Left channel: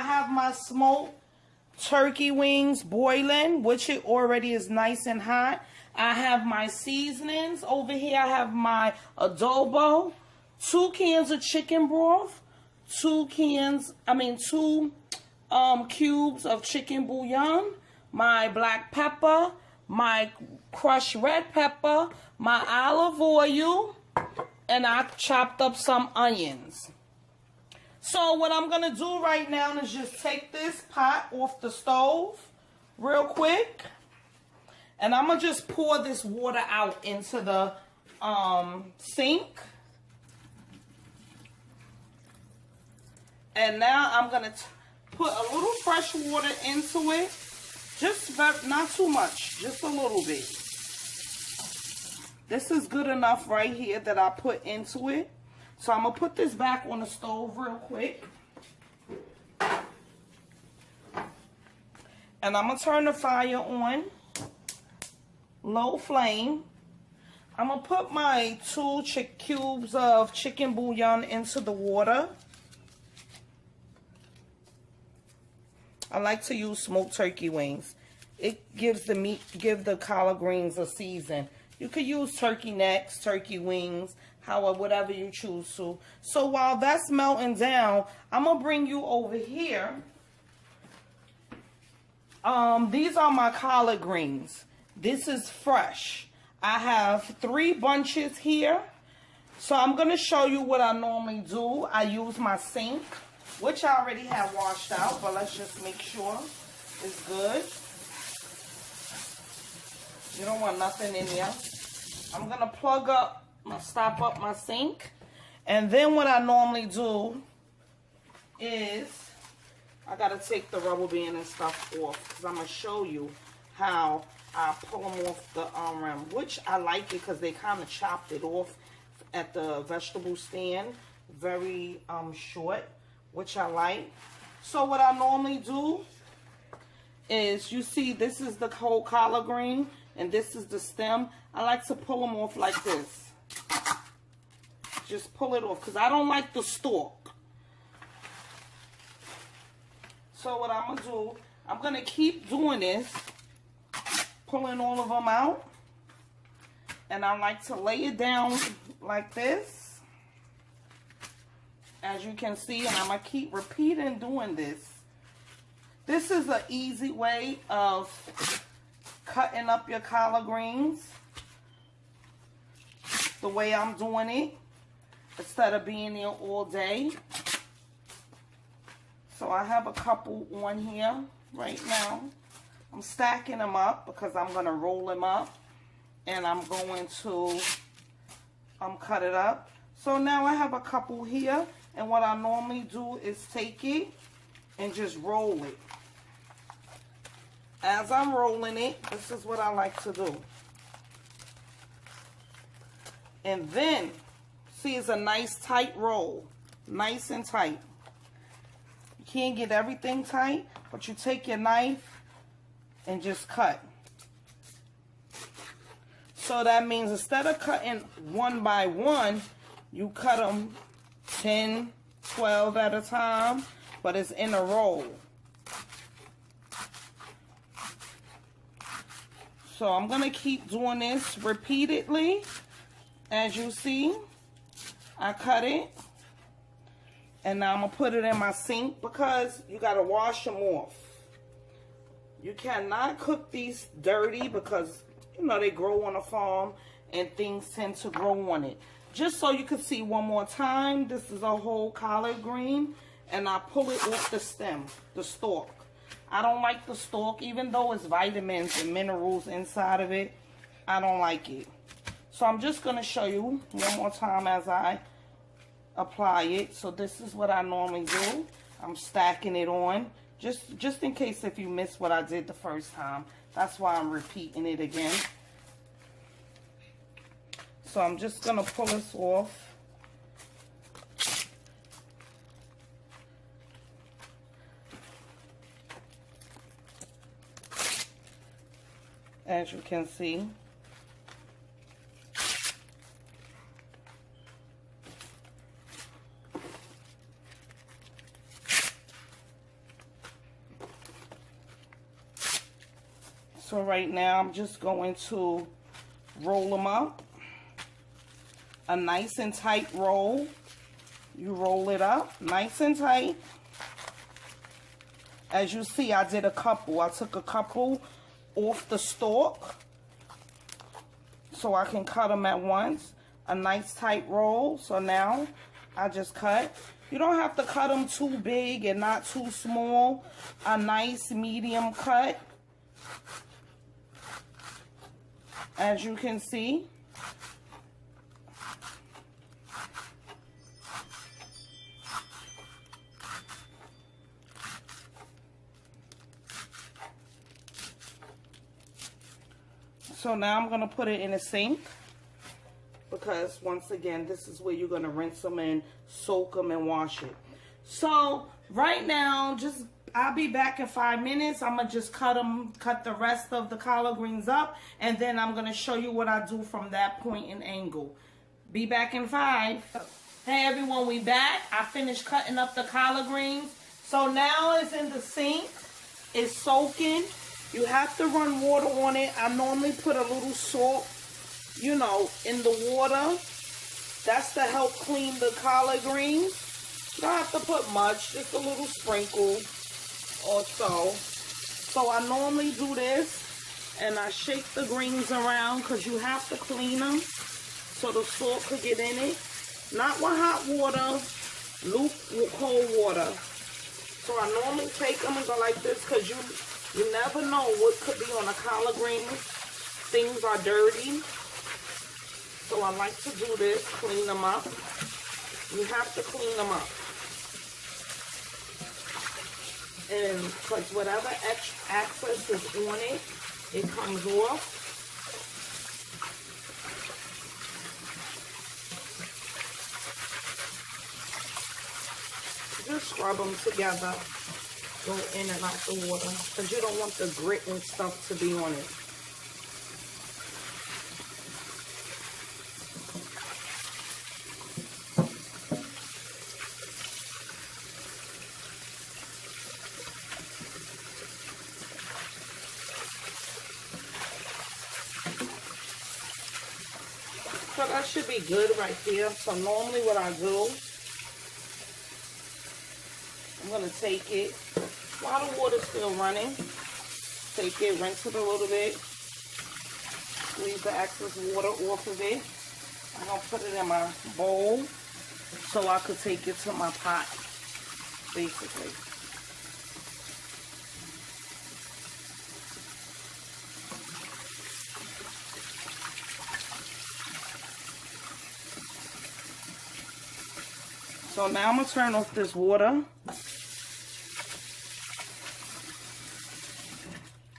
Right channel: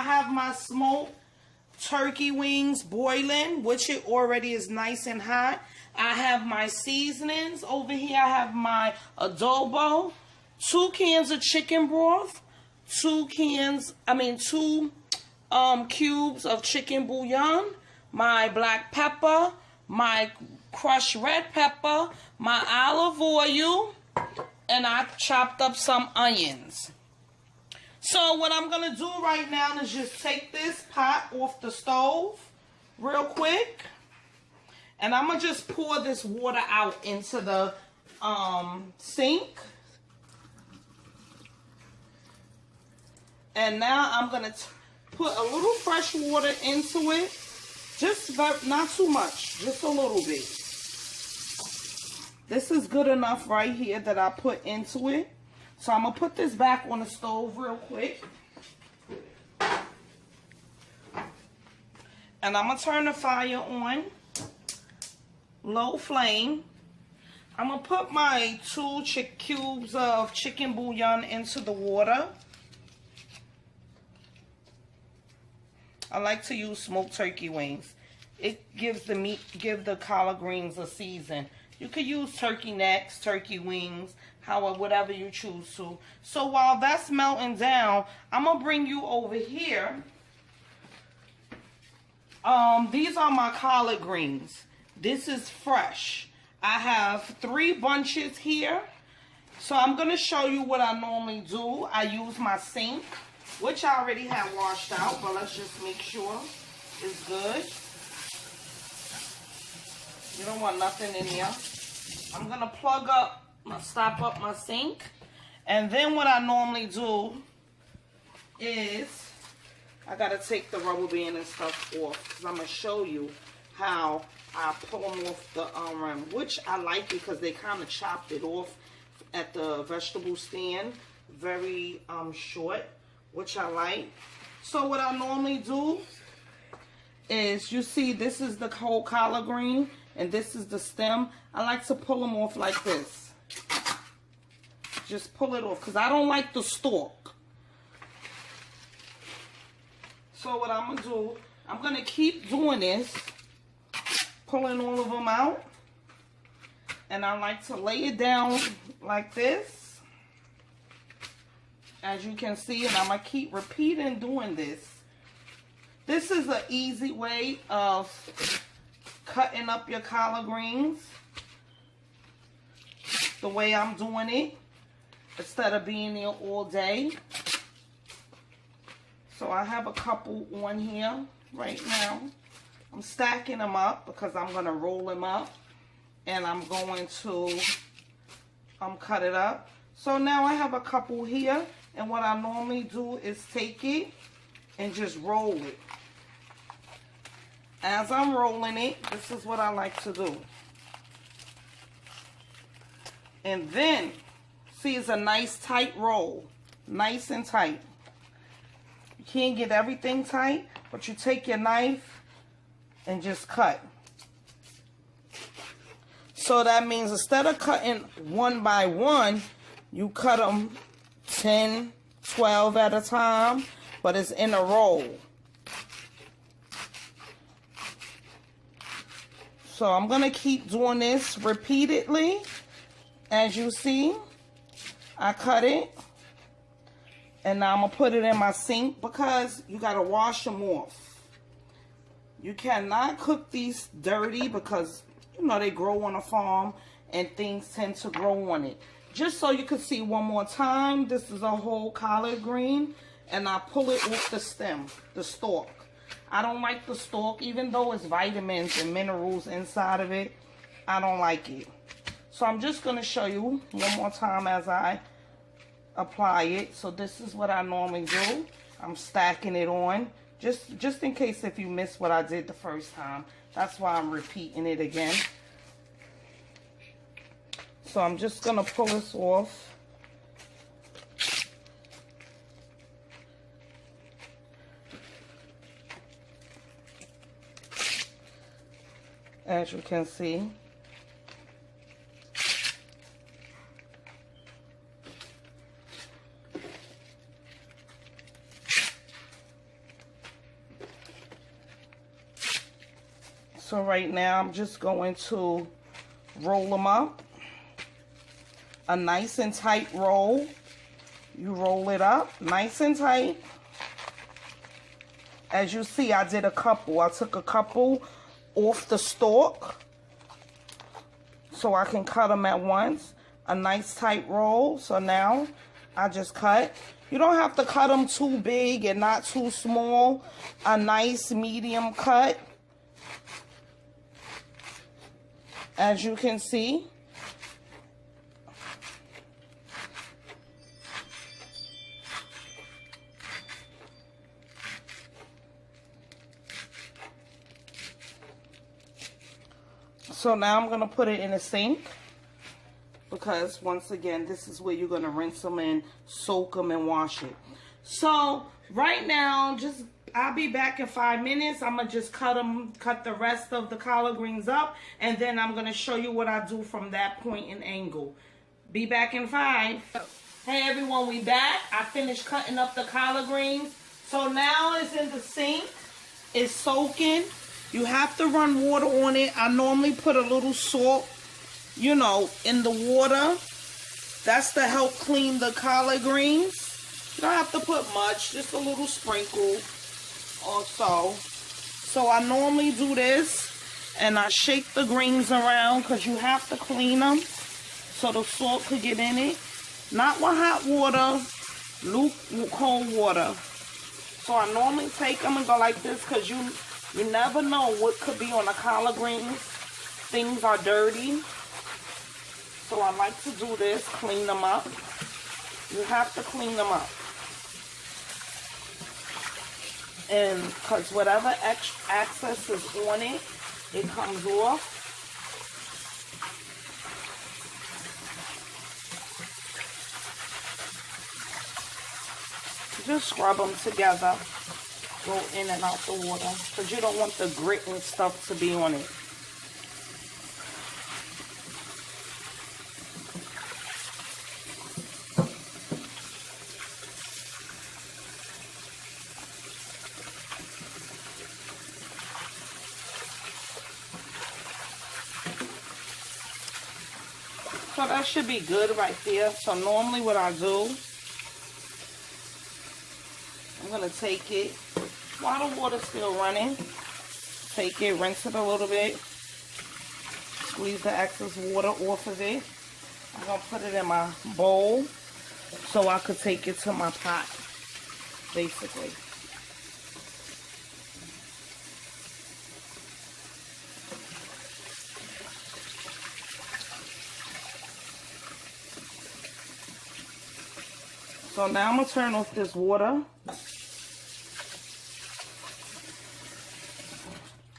I have my smoked turkey wings boiling, which it already is nice and hot. I have my seasonings over here. I have my adobo, 2 cans of chicken broth, 2 cubes of chicken bouillon, my black pepper, my crushed red pepper, my olive oil, and I chopped up some onions. So what I'm going to do right now is just take this pot off the stove real quick. And I'm going to just pour this water out into the sink. And now I'm going to put a little fresh water into it. Just not too much, just a little bit. This is good enough right here that I put into it. So I'm going to put this back on the stove real quick. And I'm going to turn the fire on. Low flame. I'm going to put my 2 cubes of chicken bouillon into the water. I like to use smoked turkey wings. It gives the meat, give the collard greens a season. You could use turkey necks, turkey wings, whatever you choose to. So while that's melting down, I'm going to bring you over here. These are my collard greens. This is fresh. I have 3 bunches here. So I'm going to show you what I normally do. I use my sink, which I already have washed out, but let's just make sure it's good. You don't want nothing in here. I'm going to stop up my sink. And then what I normally do is, I got to take the rubber band and stuff off, because I'm going to show you how I pull them off the rim, which I like because they kind of chopped it off at the vegetable stand. Very short, which I like. So what I normally do is, you see this is the whole collard green and this is the stem. I like to pull them off like this. Just pull it off because I don't like the stalk. So what I'm going to do, I'm going to keep doing this, pulling all of them out. And I like to lay it down like this, as you can see, and I'm going to keep repeating doing this. This is an easy way of cutting up your collard greens, the way I'm doing it, instead of being there all day. So I have a couple on here right now. I'm stacking them up because I'm going to roll them up and I'm going to cut it up. So now I have a couple here, and what I normally do is take it and just roll it. As I'm rolling it, this is what I like to do. And then, see, it's a nice tight roll. Nice and tight. You can't get everything tight, but you take your knife and just cut. So that means instead of cutting one by one, you cut them 10, 12 at a time, but it's in a roll. So I'm going to keep doing this repeatedly. As you see, I cut it. And now I'm going to put it in my sink because you got to wash them off. You cannot cook these dirty because, you know, they grow on a farm and things tend to grow on it. Just so you can see one more time, this is a whole collard green. And I pull it off the stem, the stalk. I don't like the stalk, even though it's vitamins and minerals inside of it. I don't like it. So I'm just going to show you one more time as I apply it. So this is what I normally do. I'm stacking it on. Just in case if you missed what I did the first time. That's why I'm repeating it again. So I'm just going to pull this off. As you can see. So right now I'm just going to roll them up. A nice and tight roll. You roll it up nice and tight. As you see, I did a couple. I took a couple off the stalk so I can cut them at once. A nice tight roll. So now I just cut. You don't have to cut them too big and not too small. A nice medium cut. As you can see. So now I'm going to put it in a sink. Because once again, this is where you're going to rinse them and soak them and wash it. So right now, I'll be back in 5 minutes. I'm going to just cut the rest of the collard greens up. And then I'm going to show you what I do from that point and angle. Be back in 5. Hey everyone, we back. I finished cutting up the collard greens. So now it's in the sink. It's soaking. You have to run water on it. I normally put a little salt, you know, in the water. That's to help clean the collard greens. You don't have to put much, just a little sprinkle or so. So I normally do this and I shake the greens around because you have to clean them so the salt could get in it. Not with hot water, cold water. So I normally take them and go like this because you never know what could be on the collard greens. Things are dirty. So I like to do this, clean them up. You have to clean them up. And because whatever excess is on it, it comes off. Just scrub them together. Go in and out the water because you don't want the grit and stuff to be on it. So that should be good right there. So normally what I do, I'm going to take it while the water's still running. Take it, rinse it a little bit. Squeeze the excess water off of it. I'm going to put it in my bowl so I could take it to my pot, basically. So now I'm going to turn off this water.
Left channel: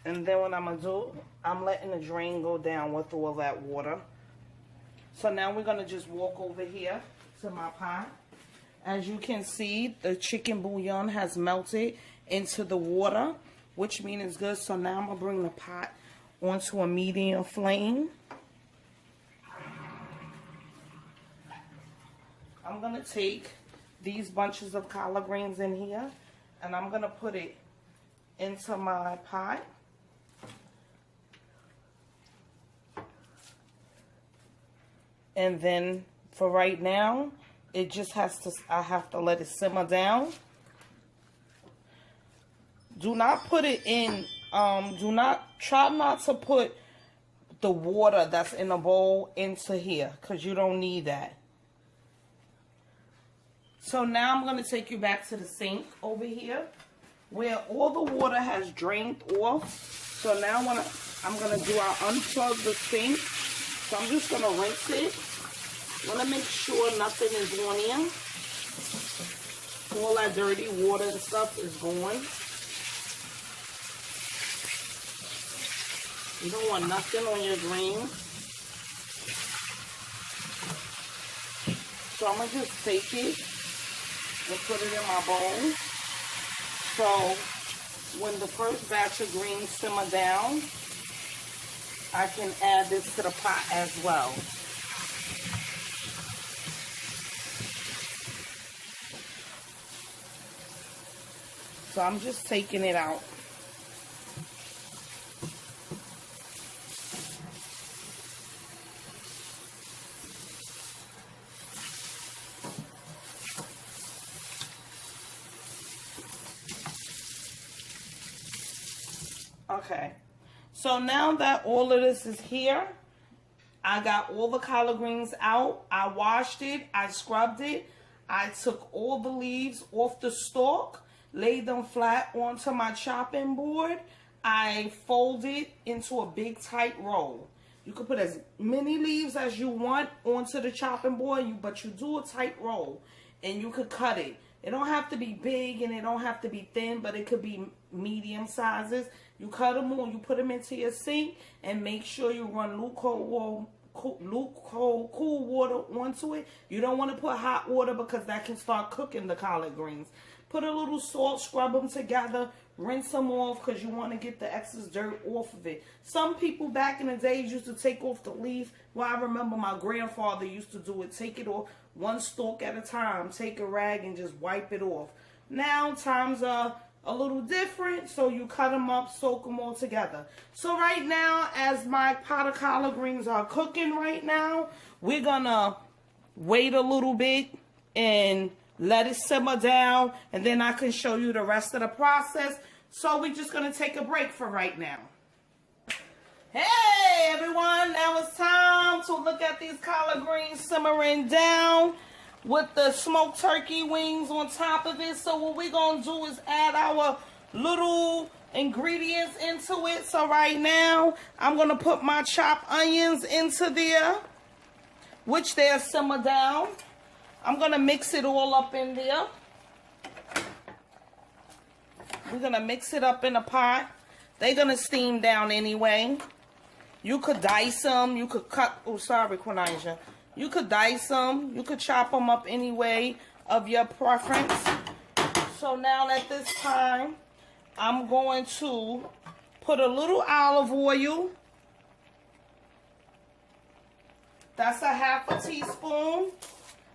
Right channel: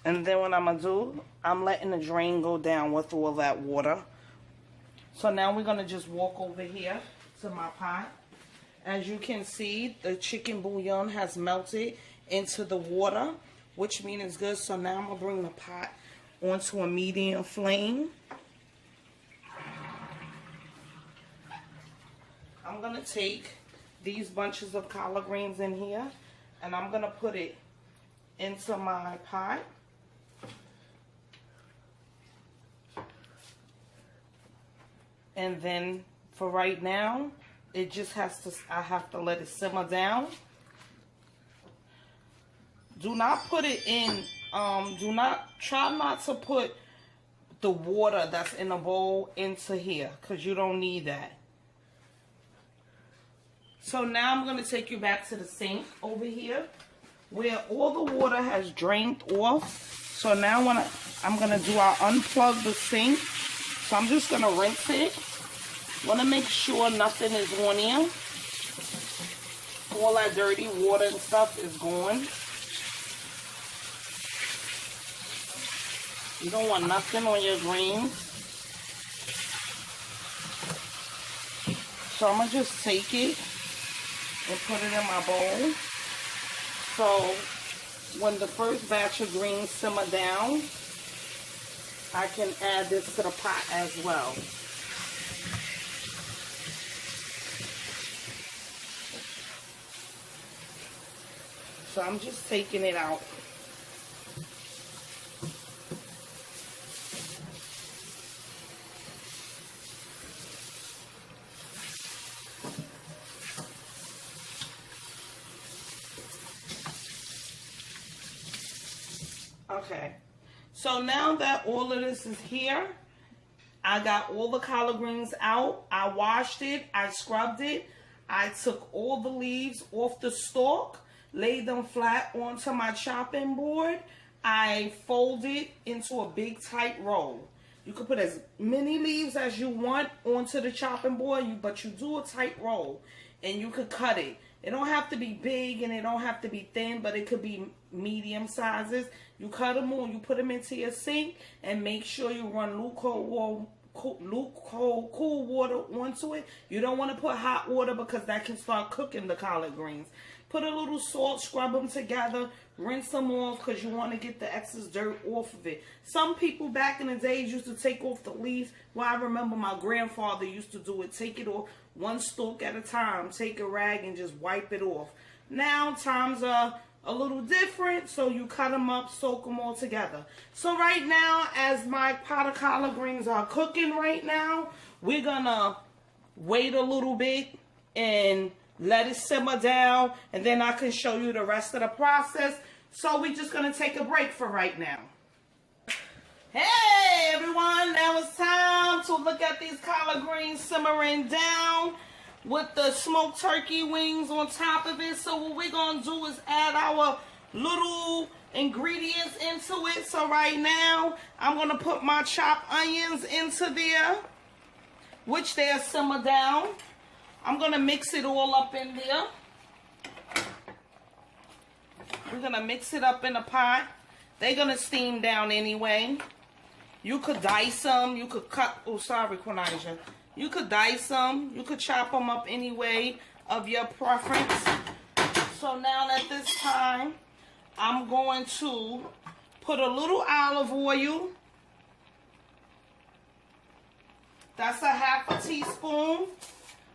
And then what I'm going to do, I'm letting the drain go down with all that water. So now we're going to just walk over here to my pot. As you can see, the chicken bouillon has melted into the water, which means it's good. So now I'm going to bring the pot onto a medium flame. I'm going to take these bunches of collard greens in here, and I'm going to put it into my pot. And then for right now, it just has to, I have to let it simmer down. Do not put it in, try not to put the water that's in the bowl into here, because you don't need that. So now I'm going to take you back to the sink over here where all the water has drained off. So now I'm going to do, I'll unplug the sink. So I'm just going to rinse it. Want to make sure nothing is on here. All that dirty water and stuff is gone. You don't want nothing on your greens. So I'm going to just take it and put it in my bowl. So when the first batch of greens simmer down, I can add this to the pot as well. So I'm just taking it out. Okay. So now that all of this is here, I got all the collard greens out. I washed it. I scrubbed it. I took all the leaves off the stalk, laid them flat onto my chopping board. I folded into a big tight roll. You can put as many leaves as you want onto the chopping board, but you do a tight roll and you could cut it. It don't have to be big and it don't have to be thin, but it could be medium sizes. You cut them on, you put them into your sink, and make sure you run cool water onto it. You don't want to put hot water because that can start cooking the collard greens. Put a little salt, scrub them together, rinse them off because you want to get the excess dirt off of it. Some people back in the days used to take off the leaf. Well, I remember my grandfather used to do it. Take it off one stalk at a time. Take a rag and just wipe it off. Now times are a little different, so you cut them up, soak them all together. So right now, as my pot of collard greens are cooking right now, we're gonna wait a little bit and let it simmer down, and then I can show you the rest of the process. So we're just gonna take a break for right now. Hey everyone, now it's time to look at these collard greens simmering down with the smoked turkey wings on top of it. So what we're gonna do is add our little ingredients into it. So right now, I'm gonna put my chopped onions into there, which they'll simmer down. I'm gonna mix it all up in there. I'm gonna mix it up in a pot. They're gonna steam down anyway. You could dice them, you could cut, oh sorry Quinija. You could dice them, you could chop them up any way of your preference. So now at this time, I'm going to put a little olive oil. That's a half a teaspoon.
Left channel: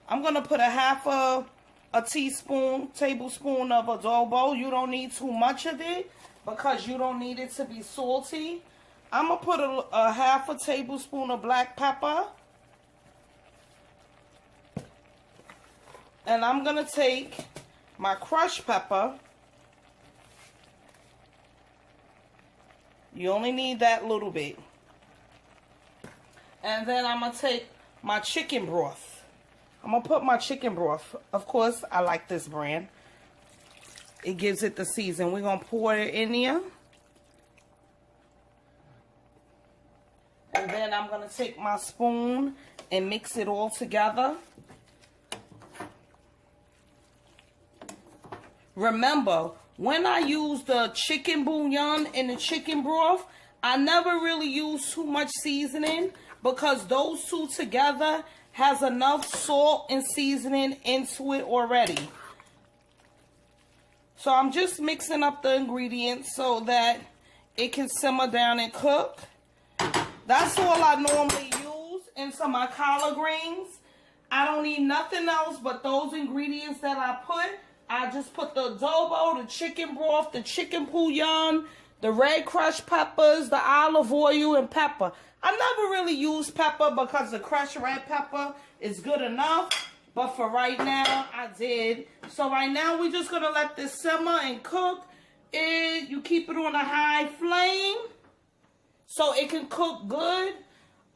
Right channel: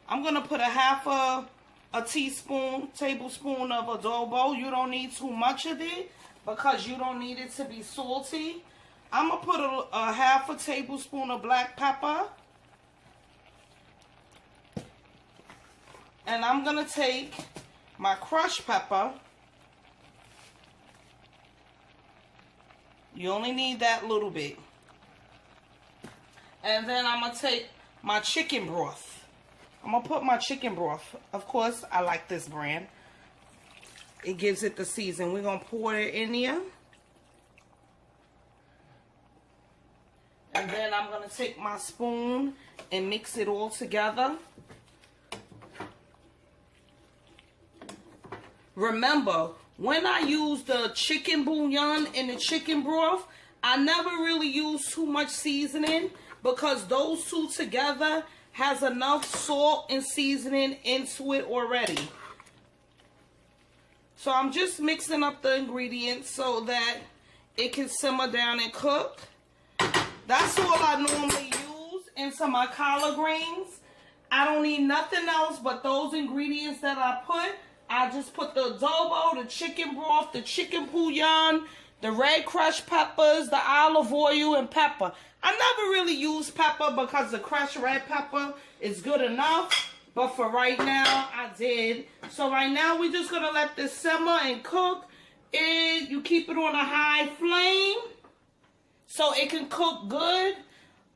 I'm going to put a half a tablespoon of adobo. You don't need too much of it because you don't need it to be salty. I'm going to put a half a tablespoon of black pepper. And I'm going to take my crushed pepper. You only need that little bit. And then I'm going to take my chicken broth. I'm going to put my chicken broth. Of course, I like this brand. It gives it the season. We're going to pour it in there. And then I'm going to take my spoon and mix it all together. Remember, when I use the chicken bouillon and the chicken broth, I never really use too much seasoning because those two together has enough salt and seasoning into it already. So I'm just mixing up the ingredients so that it can simmer down and cook. That's all I normally use into my collard greens. I don't need nothing else but those ingredients that I put. I just put the adobo, the chicken broth, the chicken bouillon, the red crushed peppers, the olive oil, and pepper. I never really use pepper because the crushed red pepper is good enough. But for right now, I did. So right now, we're just going to let this simmer and cook. You keep it on a high flame so it can cook good.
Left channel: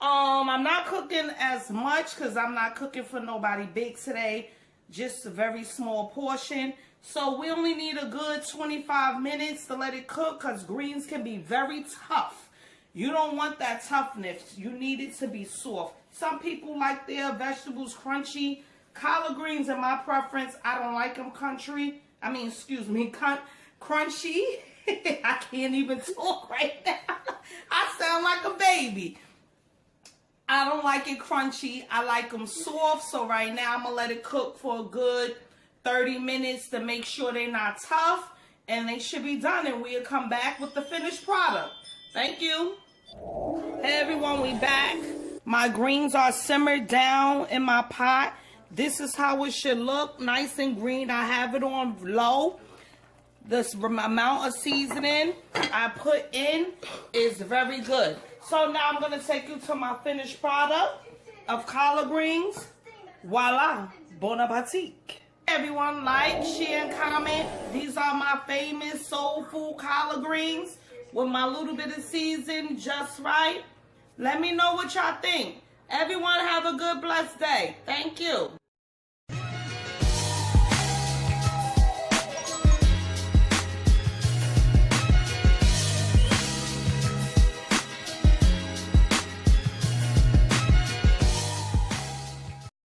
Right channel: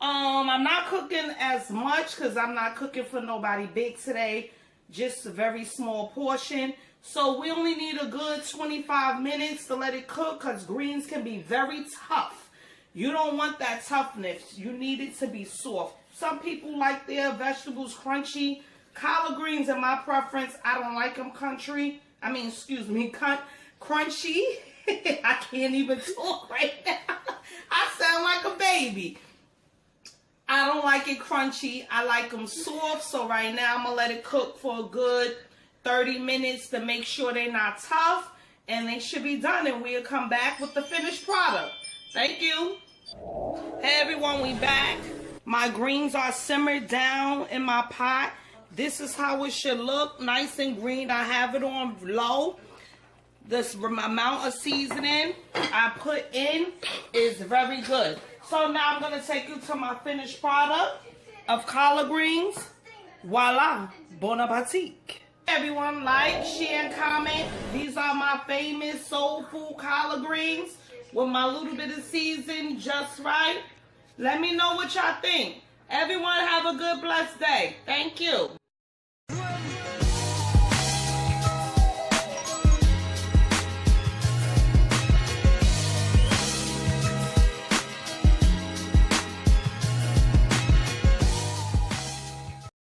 I'm not cooking as much because I'm not cooking for nobody big today. Just a very small portion. So we only need a good 25 minutes to let it cook because greens can be very tough. You don't want that toughness. You need it to be soft. Some people like their vegetables crunchy. Collard greens are my preference. I don't like them crunchy. I can't even talk right now. I sound like a baby. I don't like it crunchy. I like them soft. So right now I'm going to let it cook for a good 30 minutes to make sure they're not tough. And they should be done. And we'll come back with the finished product. Thank you. Hey everyone, we back. My greens are simmered down in my pot. This is how it should look. Nice and green. I have it on low. This amount of seasoning I put in is very good. So now I'm going to take you to my finished product of collard greens. Voila, bon appetit. Everyone, like, share, and comment. These are my famous soul food collard greens. with my little bit of season just right. Let me know what y'all think. Everyone have a good, blessed day. Thank you.